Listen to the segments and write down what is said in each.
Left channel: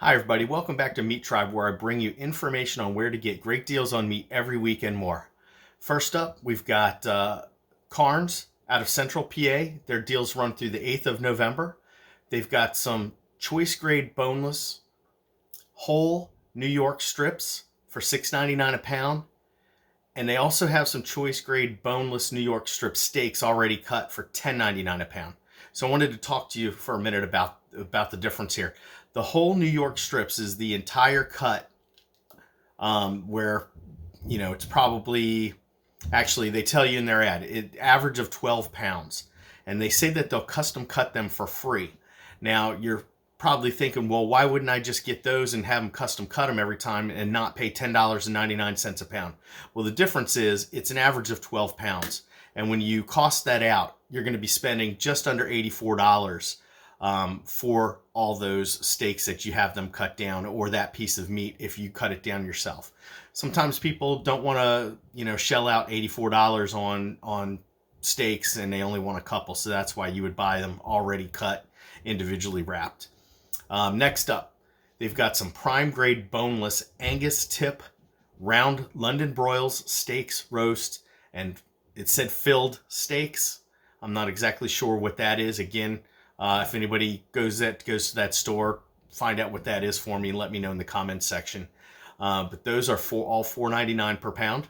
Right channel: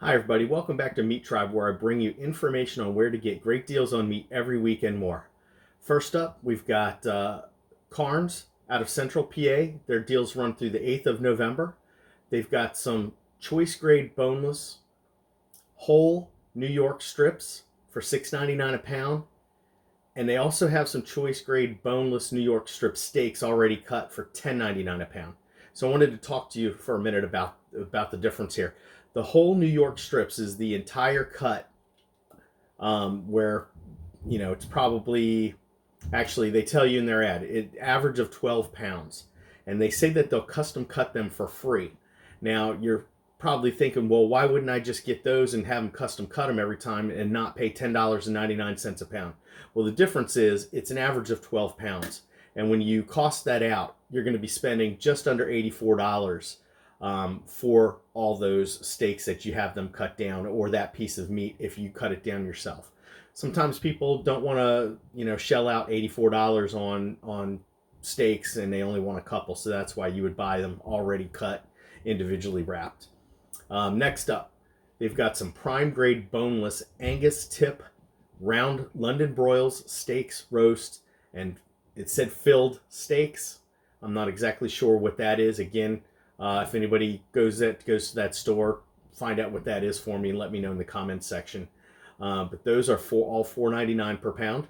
Hi, everybody. Welcome back to MeatTribe, where I bring you information on where to get great deals on meat every week and more. First up, we've got Carnes out of Central PA. Their deals run through the 8th of November. They've got some choice grade boneless whole New York strips for $6.99 a pound. And they also have some choice grade boneless New York strip steaks already cut for $10.99 a pound. So I wanted to talk to you for a minute about the difference here. The whole New York strips is the entire cut, where it's probably, actually they tell you in their ad, it average of 12 pounds, and they say that they'll custom cut them for free. Now you're probably thinking, well, why wouldn't I just get those and have them custom cut them every time and not pay $10.99 a pound? Well, the difference is it's an average of 12 pounds. And when you cost that out, you're going to be spending just under $84 for all those steaks that you have them cut down, or that piece of meat if you cut it down yourself. Sometimes people don't want to, shell out $84 on steaks, and they only want a couple. So that's why you would buy them already cut, individually wrapped. Next up, they've got some prime grade boneless Angus tip round London broils, steaks, roast, and it said filled steaks. I'm not exactly sure what that is. Again, if anybody goes to that store, find out what that is for me and let me know in the comments section. But those are all $4.99 per pound.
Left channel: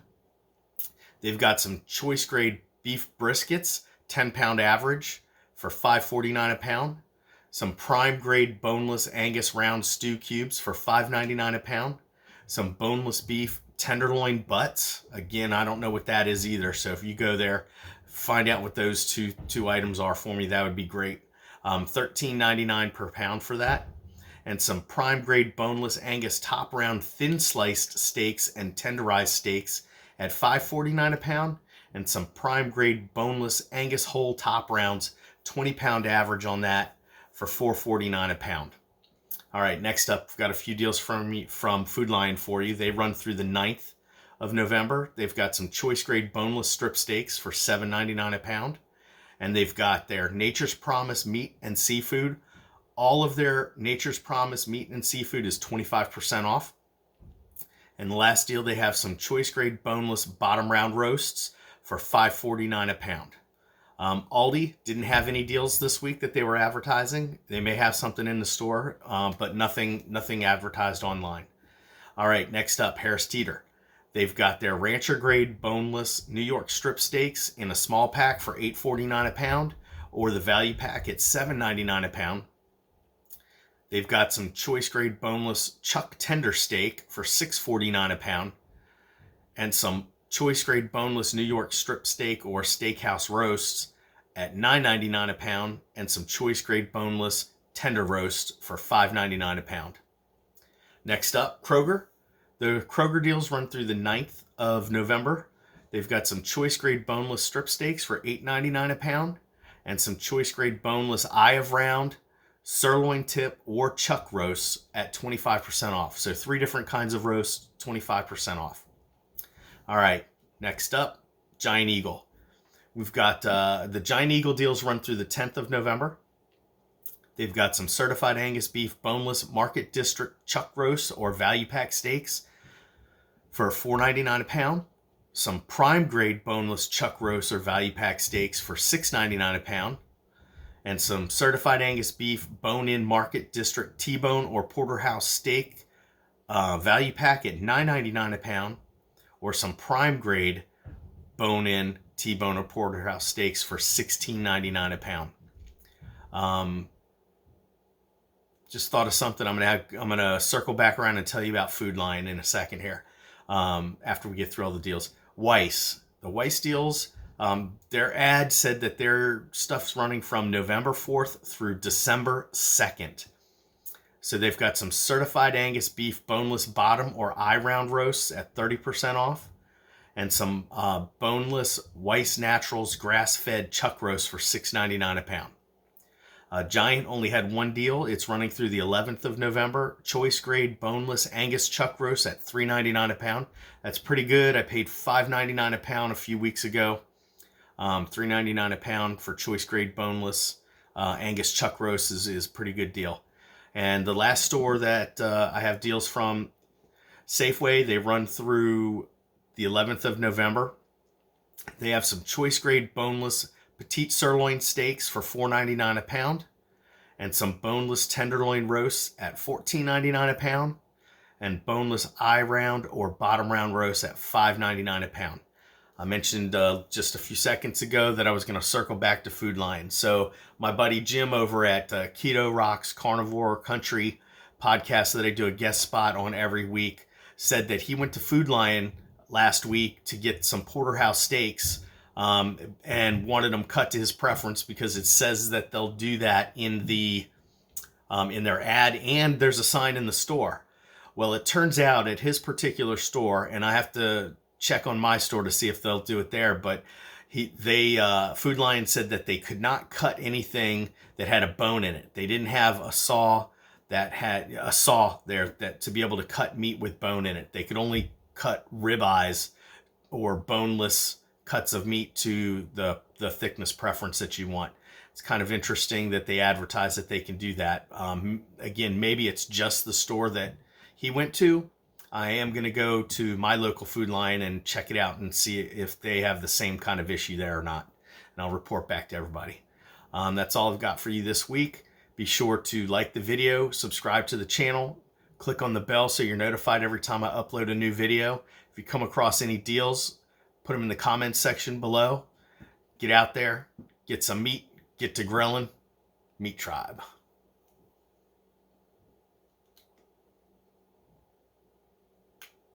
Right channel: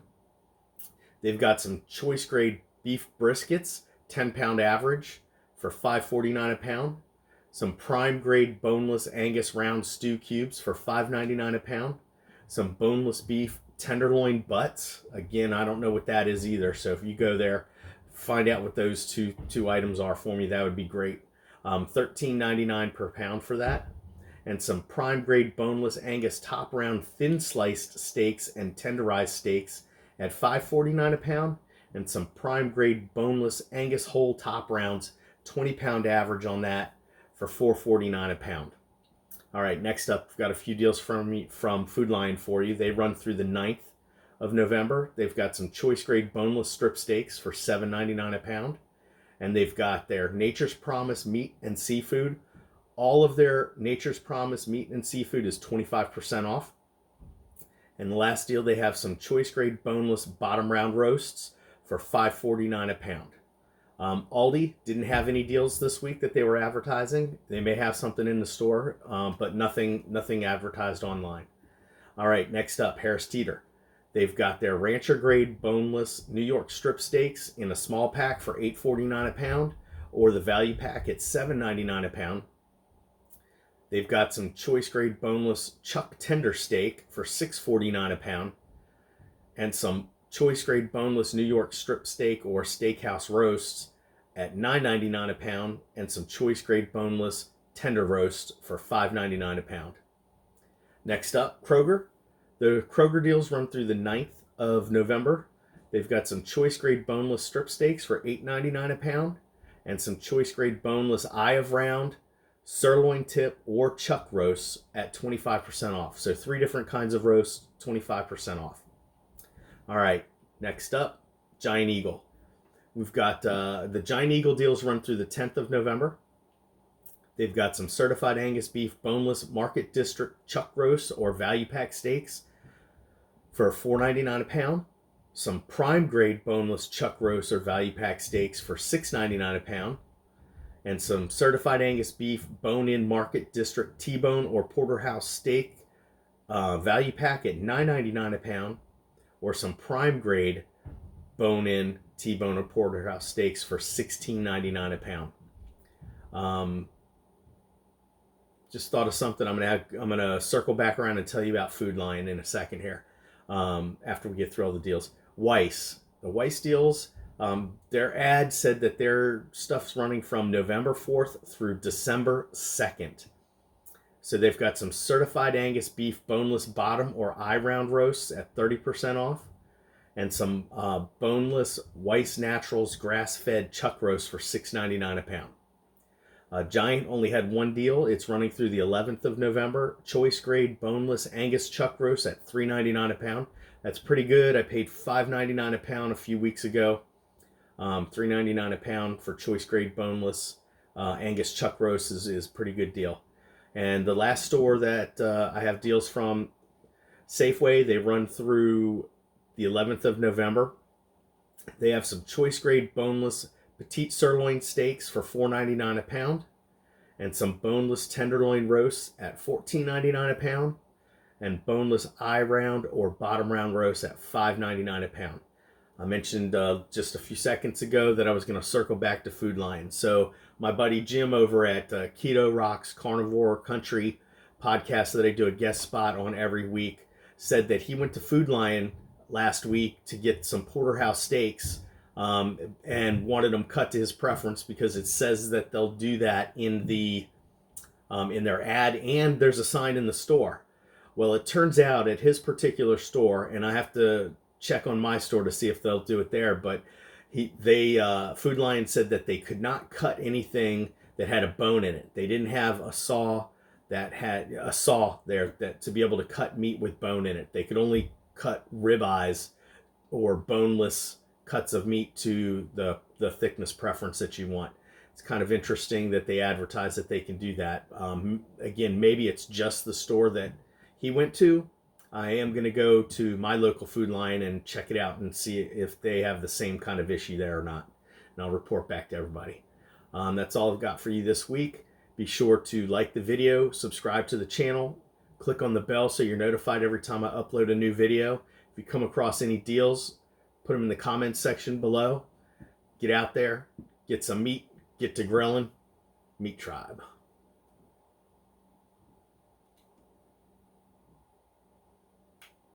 They've got some choice grade beef briskets, 10-pound average, for $5.49 a pound. Some prime grade boneless Angus round stew cubes for $5.99 a pound. Some boneless beef tenderloin butts. Again, I don't know what that is either. So if you go there, find out what those two items are for me. That would be great. $13.99 per pound for that. And some prime grade boneless Angus top round thin sliced steaks and tenderized steaks at $5.49 a pound. And some prime grade boneless Angus whole top rounds, 20-pound average on that, for $4.49 a pound. All right, next up, we've got a few deals from Food Lion for you. They run through the 9th of November. They've got some choice grade boneless strip steaks for $7.99 a pound. And they've got their Nature's Promise meat and seafood. All of their Nature's Promise meat and seafood is 25% off. And the last deal, they have some choice grade boneless bottom round roasts for $5.49 a pound. Aldi didn't have any deals this week that they were advertising. They may have something in the store, but nothing advertised online. All right, next up, Harris Teeter. They've got their rancher grade boneless New York strip steaks in a small pack for $8.49 a pound, or the value pack at $7.99 a pound. They've got some choice grade boneless chuck tender steak for $6.49 a pound, and some choice grade boneless New York strip steak or steakhouse roasts at $9.99 a pound, and some choice grade boneless tender roast for $5.99 a pound. Next up, Kroger. The Kroger deals run through the 9th of November. They've got some choice grade boneless strip steaks for $8.99 a pound, and some choice grade boneless eye of round, sirloin tip, or chuck roasts at 25% off. So 3 different kinds of roasts, 25% off. All right, next up, Giant Eagle. We've got the Giant Eagle deals run through the 10th of November. They've got some certified Angus beef boneless market district chuck roasts or value pack steaks for $4.99 a pound. Some prime grade boneless chuck roasts or value pack steaks for $6.99 a pound. And some certified Angus beef bone-in market district T-bone or porterhouse steak value pack at $9.99 a pound. Or some prime grade bone-in T-bone or porterhouse steaks for $16.99 a pound. Just thought of something. I'm gonna circle back around and tell you about Food Lion in a second here. After we get through all the deals, the Weiss deals. Their ad said that their stuff's running from November 4th through December 2nd. So they've got some certified Angus beef boneless bottom or eye round roasts at 30% off, and some boneless Weiss Naturals grass-fed chuck roast for $6.99 a pound. Giant only had one deal. It's running through the 11th of November. Choice grade boneless Angus chuck roast at $3.99 a pound. That's pretty good. I paid $5.99 a pound a few weeks ago. $3.99 a pound for choice grade boneless Angus chuck roast is a pretty good deal. And the last store that I have deals from, Safeway, they run through the 11th of November. They have some choice grade boneless petite sirloin steaks for $4.99 a pound, and some boneless tenderloin roasts at $14.99 a pound, and boneless eye round or bottom round roast at $5.99 a pound. I mentioned just a few seconds ago that I was going to circle back to Food Lion. So my buddy Jim over at Keto Rocks Carnivore Country podcast that I do a guest spot on every week said that he went to Food Lion last week to get some porterhouse steaks and wanted them cut to his preference because it says that they'll do that in their ad, and there's a sign in the store. Well, it turns out at his particular store, and I have to check on my store to see if they'll do it there, but Food Lion said that they could not cut anything that had a bone in it. They didn't have a saw that had a saw there that to be able to cut meat with bone in it. They could only cut ribeyes or boneless cuts of meat to the thickness preference that you want. It's kind of interesting that they advertise that they can do that. Again, maybe it's just the store that he went to. I am going to go to my local Food Lion and check it out and see if they have the same kind of issue there or not. And I'll report back to everybody. That's all I've got for you this week. Be sure to like the video, subscribe to the channel, click on the bell so you're notified every time I upload a new video. If you come across any deals, put them in the comments section below. Get out there, get some meat, get to grilling. MeatTribe.